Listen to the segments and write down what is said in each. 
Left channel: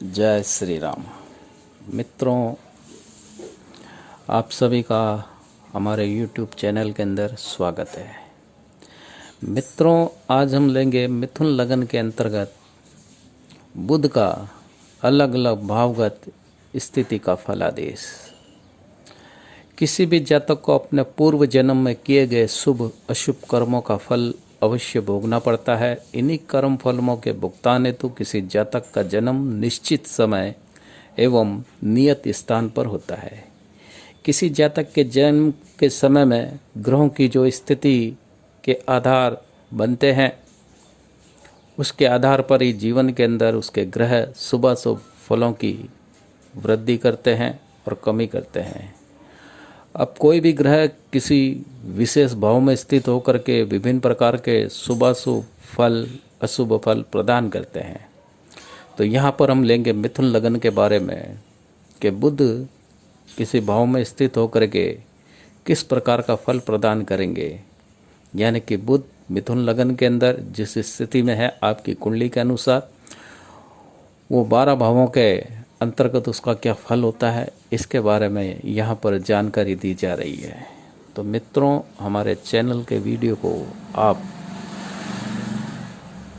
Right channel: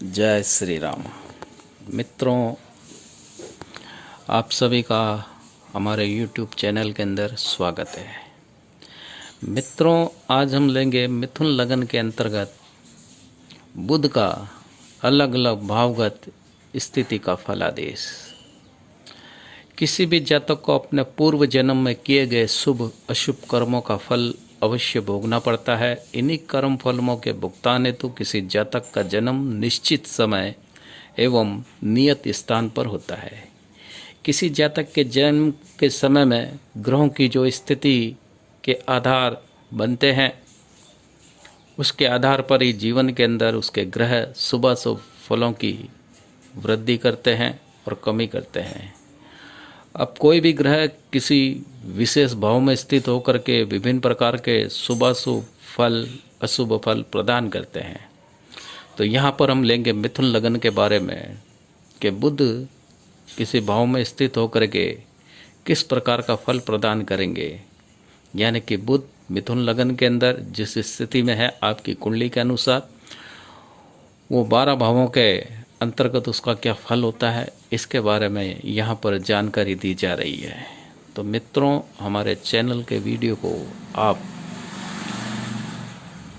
जय श्री राम। मित्रों, आप सभी का हमारे YouTube चैनल के अंदर स्वागत है। मित्रों, आज हम लेंगे मिथुन लगन के अंतर्गत बुध का अलग अलग भावगत स्थिति का फलादेश। किसी भी जातक को अपने पूर्व जन्म में किए गए शुभ अशुभ कर्मों का फल अवश्य भोगना पड़ता है। इन्हीं कर्म फलों के भुगतान हेतु किसी जातक का जन्म निश्चित समय एवं नियत स्थान पर होता है। किसी जातक के जन्म के समय में ग्रहों की जो स्थिति के आधार बनते हैं, उसके आधार पर ही जीवन के अंदर उसके ग्रह शुभ अशुभ फलों की वृद्धि करते हैं और कमी करते हैं। अब कोई भी ग्रह किसी विशेष भाव में स्थित होकर के विभिन्न प्रकार के शुभाशुभ फल अशुभ फल प्रदान करते हैं। तो यहाँ पर हम लेंगे मिथुन लगन के बारे में कि बुध किसी भाव में स्थित होकर के किस प्रकार का फल प्रदान करेंगे। यानी कि बुध मिथुन लगन के अंदर जिस स्थिति में है आपकी कुंडली के अनुसार वो 12 भावों के अंतर्गत उसका क्या फल होता है, इसके बारे में यहाँ पर जानकारी दी जा रही है। तो मित्रों, हमारे चैनल के वीडियो को आप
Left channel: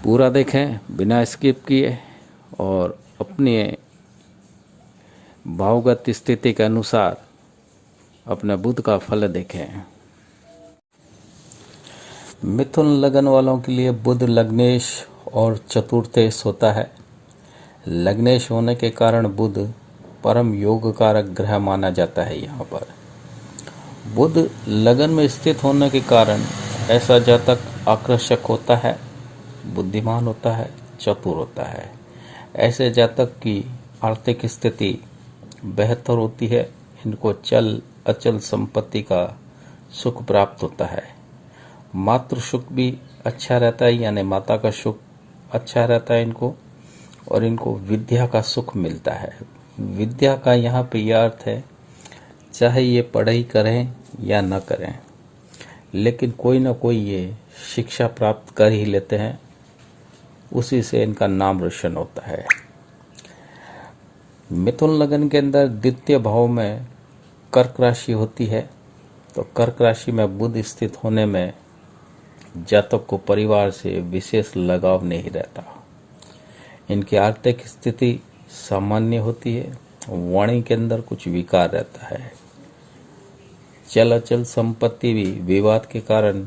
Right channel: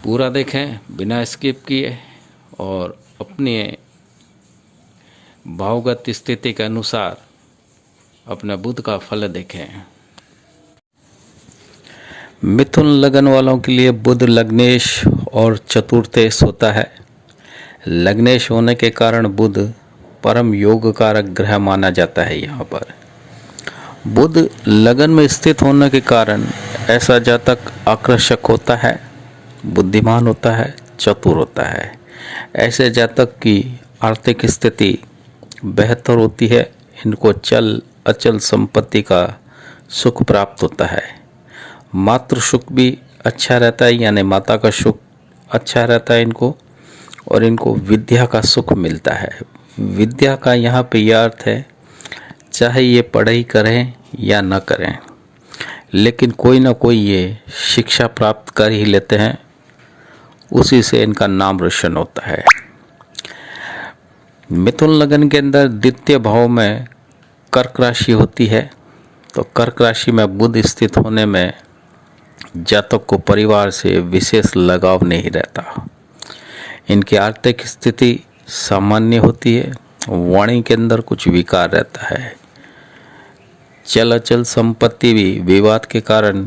पूरा देखें बिना स्किप किए और अपने भावगत स्थिति के अनुसार अपने बुध का फल देखें। मिथुन लगन वालों के लिए बुध लग्नेश और चतुर्थेश होता है। लग्नेश होने के कारण बुध परम योग कारक ग्रह माना जाता है। यहाँ पर बुध लगन में स्थित होने के कारण ऐसा जातक आकर्षक होता है, बुद्धिमान होता है, चतुर होता है। ऐसे जातक की आर्थिक स्थिति बेहतर होती है। इनको चल अचल संपत्ति का सुख प्राप्त होता है। मातृ सुख भी अच्छा रहता है, यानी माता का सुख अच्छा रहता है इनको, और इनको विद्या का सुख मिलता है। विद्या का यहाँ पे यह अर्थ है, चाहे ये पढ़ाई करें या न करें, लेकिन कोई ना कोई ये शिक्षा प्राप्त कर ही लेते हैं, उसी से इनका नाम रोशन होता है। मिथुन लगन के अंदर द्वितीय भाव में कर्क राशि होती है। तो कर्क राशि में बुध स्थित होने में जातक को परिवार से विशेष लगाव नहीं रहता। इनकी आर्थिक स्थिति सामान्य होती है। वाणी के अंदर कुछ विकार रहता है। चल अचल संपत्ति भी विवाद के कारण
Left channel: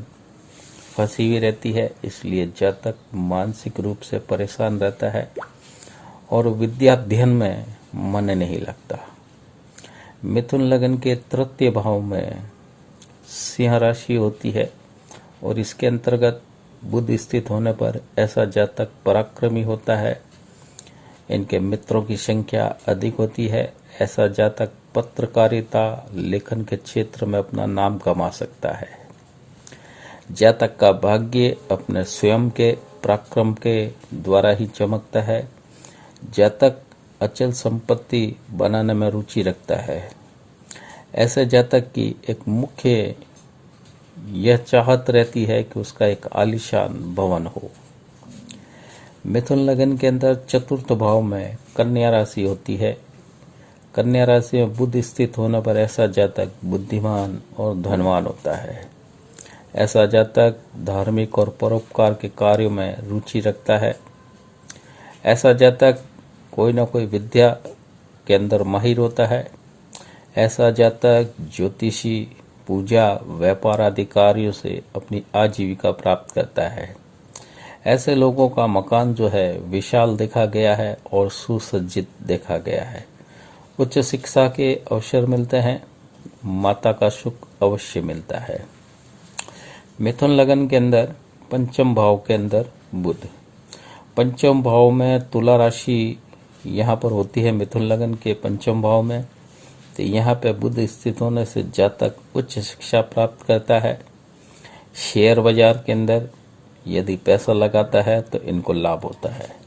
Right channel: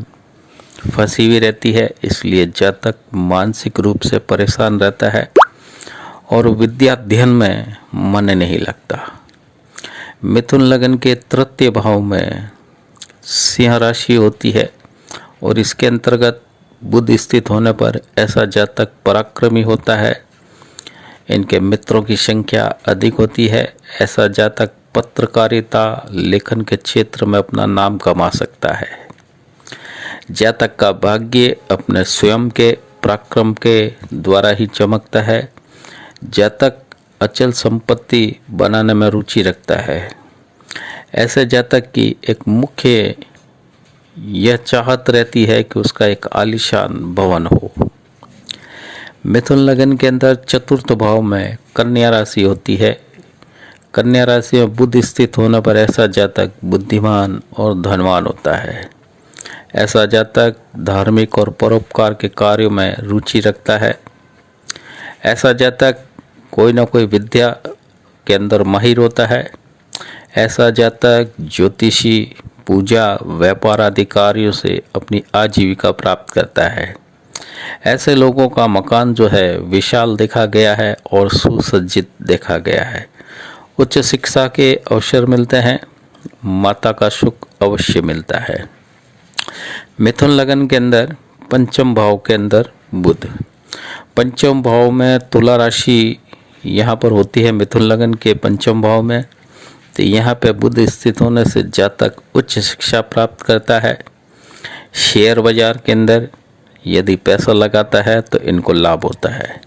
फंसी हुई रहती है, इसलिए जातक मानसिक रूप से परेशान रहता है और विद्या अध्ययन में मन नहीं लगता। मिथुन लगन के तृतीय भाव में सिंह राशि होती है और इसके अंतर्गत बुध स्थित होने पर ऐसा जातक पराक्रमी होता है। इनके मित्रों की संख्या अधिक होती है। ऐसा जातक पत्रकारिता लेखन के क्षेत्र में अपना नाम कमा सकता है। जातक का भाग्य अपने स्वयं के पराक्रम के द्वारा ही चमकता है। जातक अचल संपत्ति बनाने में रुचि रखता है। ऐसे जातक की एक मुख्य यह चाहत रहती है कि उसका एक आलीशान भवन हो। मिथुन लगन के अंदर चतुर्थ भाव में कन्या राशि होती है। कन्या राशि में बुध स्थित होने पर ऐसा जातक बुद्धिमान और धनवान होता है। ऐसा जातक धार्मिक और परोपकार के कार्यों में रुचि रखता है। ऐसा जातक कोई ना कोई विद्या के अंदर माहिर होता है। ऐसा जातक ज्योतिषी, पूजा, व्यापार आदि कार्यों से अपनी आजीविका प्राप्त करता है। ऐसे लोगों का मकान जो है विशाल देखा गया है और सुसज्जित देखा गया है। उच्च शिक्षा के अवसर मिलते हैं। माता का सुख अवश्य मिलता है। मिथुन लगन के अंदर पंचम भाव के अंदर बुध, पंचम भाव में तुला राशि यहाँ पर होती है। मिथुन लगन के पंचम भाव में तो यहाँ पे बुध स्थित होने से जातक उच्च शिक्षा प्राप्त करता है। शेयर बाजार के अंदर यदि पैसा लगाता है तो इनको लाभ होता है।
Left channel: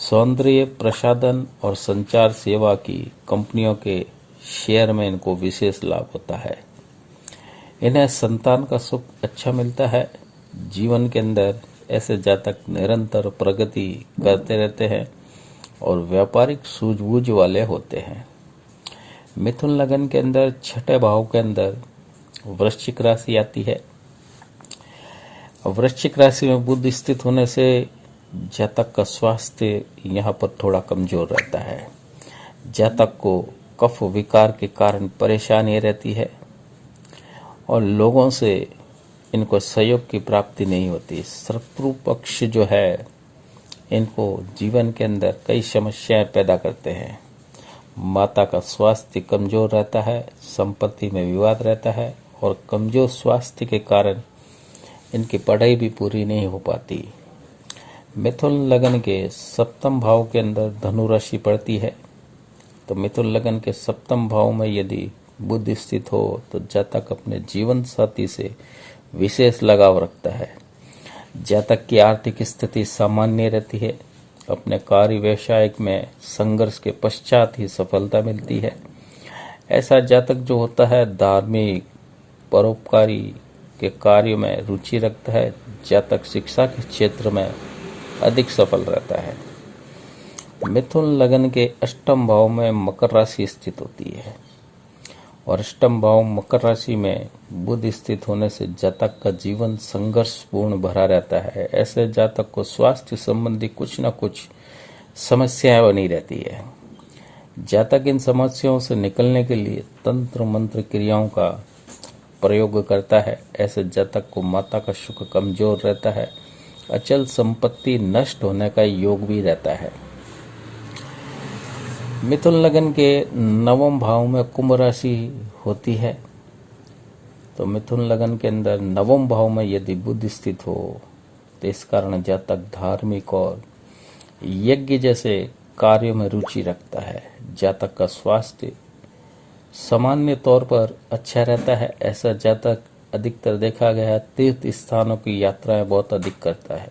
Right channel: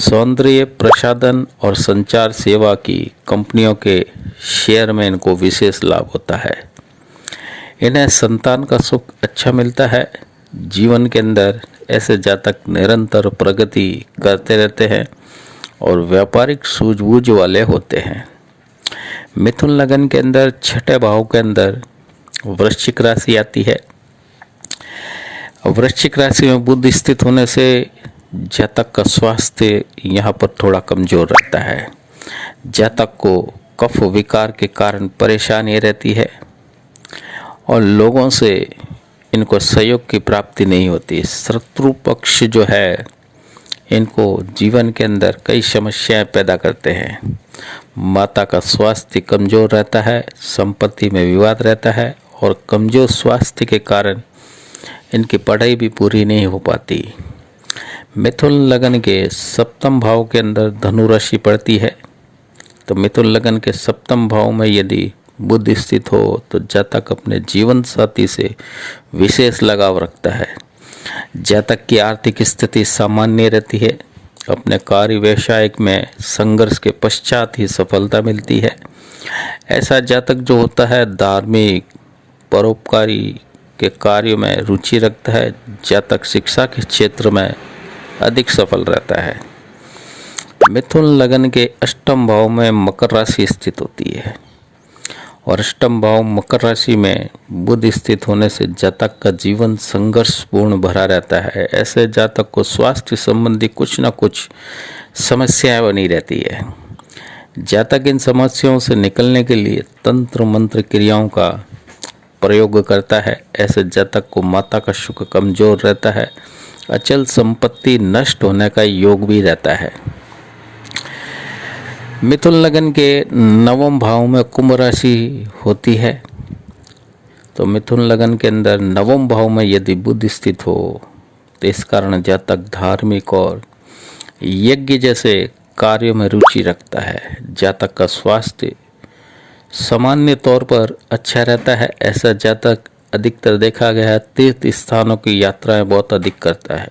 सौंदर्य प्रसाधन और संचार सेवा की कंपनियों के शेयर में इनको विशेष लाभ होता है। इन्हें संतान का सुख अच्छा मिलता है। जीवन के अंदर ऐसे जातक निरंतर प्रगति करते रहते हैं और व्यापारिक सूझबूझ वाले होते हैं। मिथुन लगन के अंदर छठे भाव के अंदर वृश्चिक राशि आती है। वृश्चिक राशि में बुध स्थित होने से जातक का स्वास्थ्य यहाँ पर थोड़ा कमजोर रहता है। जातक को कफ विकार के कारण परेशानी रहती है और लोगों से इनको सहयोग की प्राप्ति नहीं होती। शत्रु पक्ष जो है इनको जीवन के अंदर कई समस्याएं पैदा करते हैं। माता का स्वास्थ्य कमजोर रहता है, संपत्ति में विवाद रहता है और कमजोर स्वास्थ्य के कारण इनकी पढ़ाई भी पूरी नहीं हो पाती। मिथुन लगन के सप्तम भाव के अंदर धनु राशि पड़ती है। तो मिथुन लगन के सप्तम भाव में यदि बुध स्थित हो तो जातक अपने जीवन साथी से विशेष लगाव रखता है। जातक की आर्थिक स्थिति सामान्य रहती है। अपने कार्य व्यवसाय में संघर्ष के पश्चात ही सफलता मिलती है। ऐसा जातक जो होता है धार्मिक परोपकारी के कार्य में रुचि रखता है। जातक शिक्षा के क्षेत्र में अधिक सफल रहता है। मिथुन लगन के अष्टम भाव में मकर राशि स्थित होती है और अष्टम भाव मकर राशि में बुध स्थित होने से जातक का जीवन संघर्षपूर्ण भरा रहता है। ऐसे जातक को स्वास्थ्य संबंधी कुछ न कुछ समस्याएं बनी रहती है। जातक इन समस्याओं से निकलने के लिए तंत्र मंत्र क्रियाओं का प्रयोग करता है। ऐसे जातक को माता का शुक्र कमजोर रहता है। अचल संपत्ति नष्ट होने का योग भी रहता है। मिथुन लगन के नवम भाव में कुंभ राशि होती है। तो मिथुन लगन के अंदर नवम भाव में यदि बुध स्थित हो तो इस कारण जातक धार्मिक और यज्ञ जैसे कार्यों में रुचि रखता है। जातक का स्वास्थ्य सामान्य तौर पर अच्छा रहता है। ऐसा जातक अधिकतर देखा गया है तीर्थ स्थानों की यात्राएं बहुत अधिक करता है।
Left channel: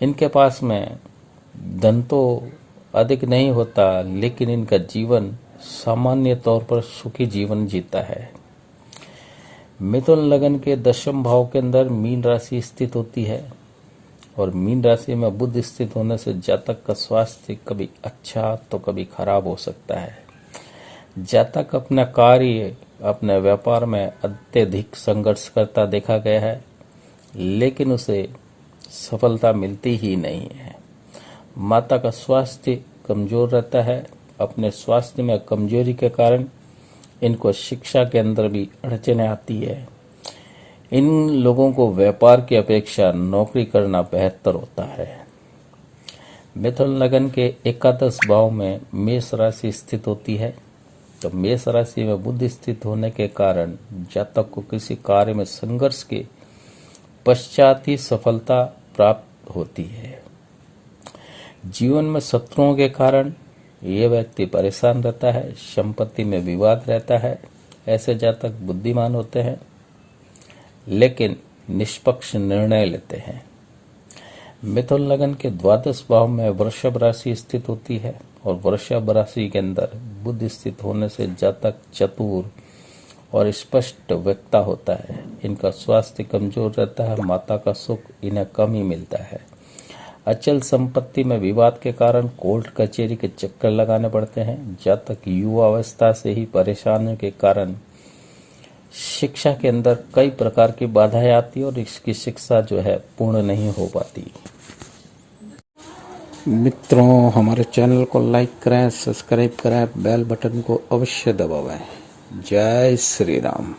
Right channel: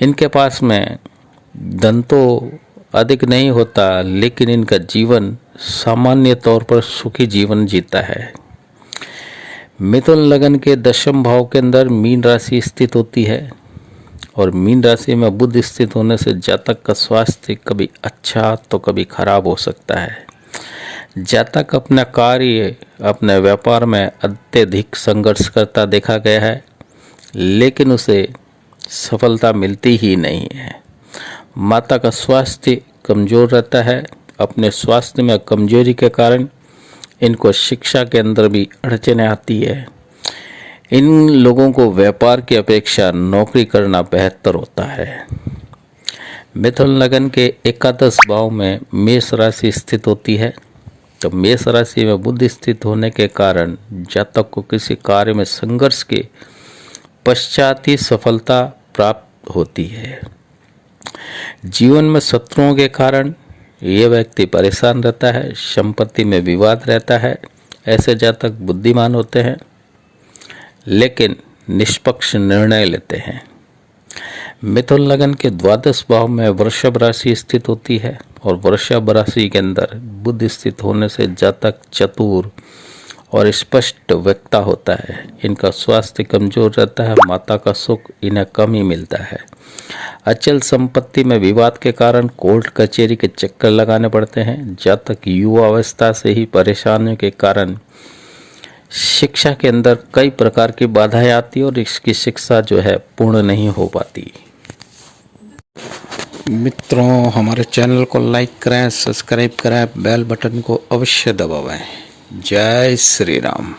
इनके पास में धन तो अधिक नहीं होता लेकिन इनका जीवन सामान्य तौर पर सुखी जीवन जीता है। मिथुन लगन के दशम भाव के अंदर मीन राशि स्थित होती है और मीन राशि में बुध स्थित होने से जातक का स्वास्थ्य कभी अच्छा तो कभी खराब हो सकता है। जातक अपना कार्य अपने व्यापार में अत्यधिक संघर्ष करता देखा गया है लेकिन उसे सफलता मिलती ही नहीं है। माता का स्वास्थ्य कमजोर रहता है। अपने स्वास्थ्य में कमजोरी के कारण इनको शिक्षा के अंदर भी अड़चने आती है। इन लोगों को व्यापार की अपेक्षा नौकरी करना बेहतर होता है। मिथुन लगन के एकादश भाव में मेष राशि स्थित होती है। तो मेष राशि में बुध स्थित होने के कारण जातक को किसी कार्य में संघर्ष के पश्चात ही सफलता प्राप्त होती है। जीवन में शत्रुओं के कारण ये व्यक्ति परेशान रहता है। संपत्ति में विवाद रहता है। ऐसे जातक बुद्धिमान होते हैं लेकिन निष्पक्ष निर्णय लेते हैं। मिथुन लगन के द्वादश भाव में वृषभ राशि स्थित होती है और वृषभ राशि के अंदर बुध स्थित होने से जातक चतुर और स्पष्ट वक्ता होता है। इनका स्वास्थ्य कमजोर रहता है। माता का सुख इन्हें कम ही मिलता है। अचल संपत्ति में विवाद के कारण कोर्ट कचहरी के चक्कर लगाने पड़ते हैं। जातक युवा अवस्था से ही परेशानियों के कारण शिक्षा के अंदर कई प्रकार की बाधाएं आती और इसकी शिक्षा जो है पूर्ण नहीं हो पाती। मित्रों, हमारे चैनल को लाइक करें, सब्सक्राइब करें, बेल बटन को अवश्य दबाएं। जय श्री राम।